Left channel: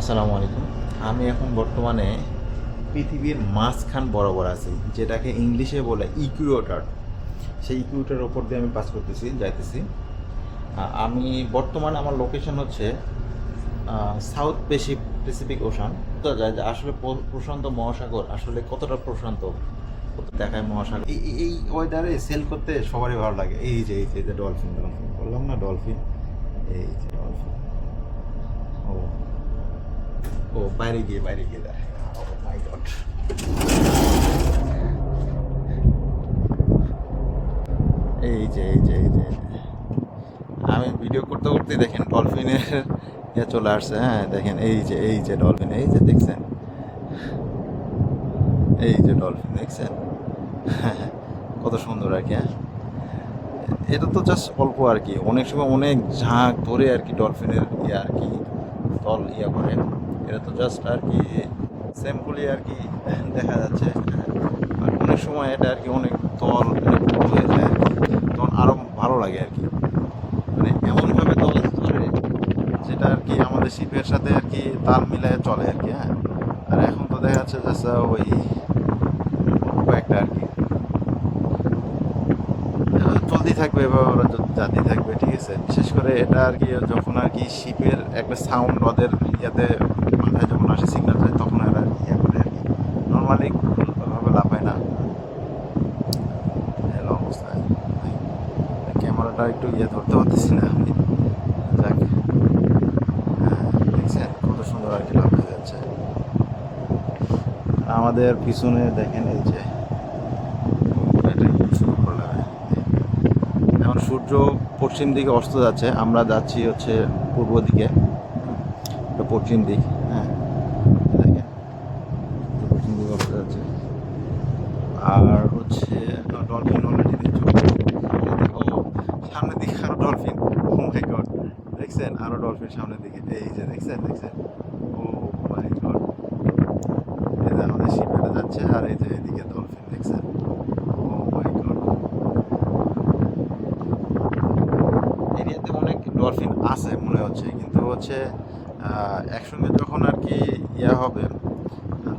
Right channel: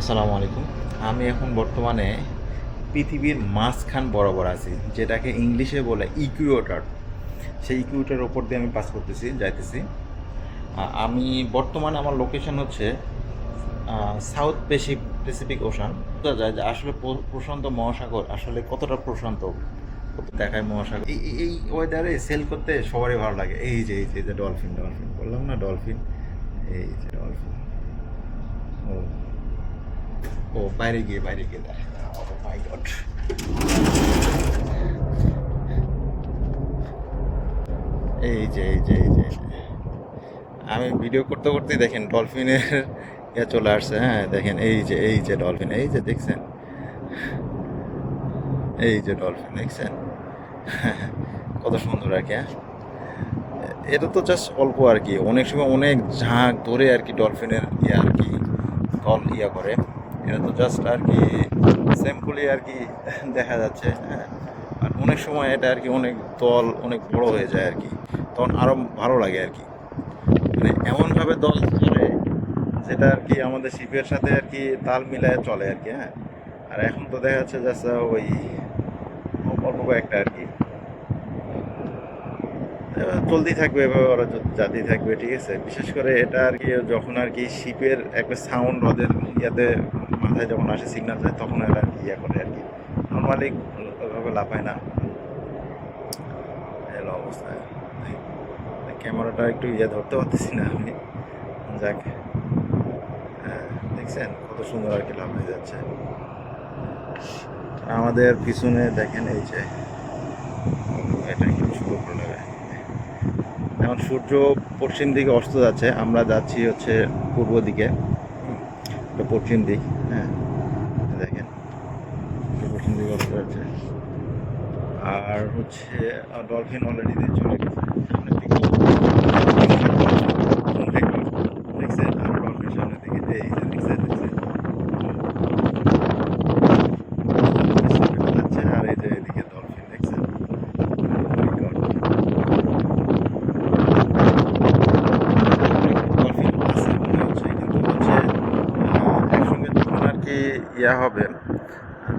আসসালামু আলাইকুম। আমি এখন বর্তমানে পৃথিবীর মাঝখান বরাবর আছি, যেটাকে ইংলিশে বলে ইকুয়েটর। সেই ইকুয়েটরের ওপর দিয়ে আমি পাস করতেছি, যাইতেছি। আমি বর্তমানে আমার লোকেশন হচ্ছে সাউথ প্যাসিফিক ওশান। বোঝা যায় যে আসলে প্রশান্ত মহাসাগর আসলে কতটা প্রশান্ত, কত দেখায় মহাসাগর। এই ওয়েদারে সেল করতে সবারই ভালো লাগে। এই যে ডলফিন, বললাম না ডলফিন, এই যে ডলফিন। ও ও বাইরে গিয়ে দেখ। ও মাই গড। এই যে আমি ভিডিও করতে করতে দেখেন ডলফিনের চলে আসছে। হ্যাঁ দেখেন, এই যে ডলফিন, এই যে দেখছেন, এই যে ডলফিন দেখছেন। কত সুন্দর আর কি। হ্যাঁ, এটা তো জাস্ট অল্প আর কি, অনেক সময় অনেক ঝাঁক ধরে আর কি ডলফিনের আর কি দল করে। এটা তো জাস্ট আর কি স্যাম্পলি আর কি দেখা যাচ্ছে। হ্যাঁ, আর অনেক সময় এটা আর কি অনেক দল অনেক বড় হয়ে যায় আর কি, তখন আরও ভালো লাগে আর কি। মানে এমনভাবে দল চলে যেটা আর কি আমাদের শিপের সাথে আর কি তাল মিলায় চলে আর কি। হ্যাঁ, আর এখন তো দেখা যাচ্ছে জাস্ট ওই অল্প কয়েকটা আর কি চলতেই থাকবে, এভাবে ওরা জাতি থাকবে। ঠিক আছে, বিশেষ করে এটা আর কি যখন আর কি শিপের একটা সাউন্ড ওদের ইয়াতে মাথায় যখন আসে, সিগন্যাল যায়, তখন এরা ইয়া করে আর কি। নর্মালি ওইভাবে লাফায় না। এলো অবস্থায় ক্যামেরাটা একটু ইয়ে ধরতে পারতেছি না আমি। যাক, হ্যাঁ দেখছেন কত সুন্দর আর কি লাফায় যাচ্ছে। আমাদের পিছনে দেখেন এই যে এটা একটু শুরু করলে এখন সূর্য পশ্চিম দিকে অস্ত যাচ্ছে, আমরা যাচ্ছি হচ্ছে পূর্ব দিকে, এটা পশ্চিম দিক। হ্যাঁ দেখেন পশ্চিম দিকে অস্ত যাচ্ছে। আর হচ্ছে ডলফিন অলরেডি চলে গেছে। Oh my God, দেখছেন আরো ডলফিন সামনের দিকে, এই যে দেখছেন যাচ্ছে। আর এই যে এদিকে ডলফিন দেখছেন। Oh my God, ডলফিন আছে মনে হচ্ছে, কিন্তু হচ্ছে একসঙ্গে যখন আর কি ইয়া হবে,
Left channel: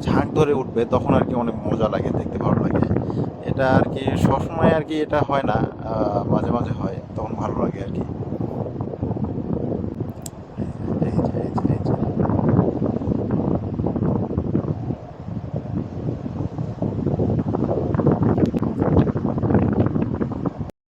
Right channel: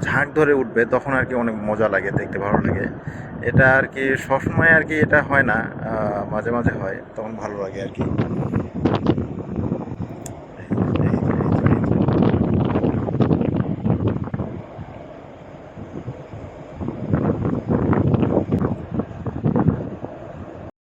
ঝাঁক ধরে উঠবে, তখন আর কি অনেক মজা লাগে, দেখতে ভালো লাগে। এটা আর কি সবসময় আর কি এটা হয় না, মাঝে মাঝে হয়, তখন ভালো লাগে আর কি।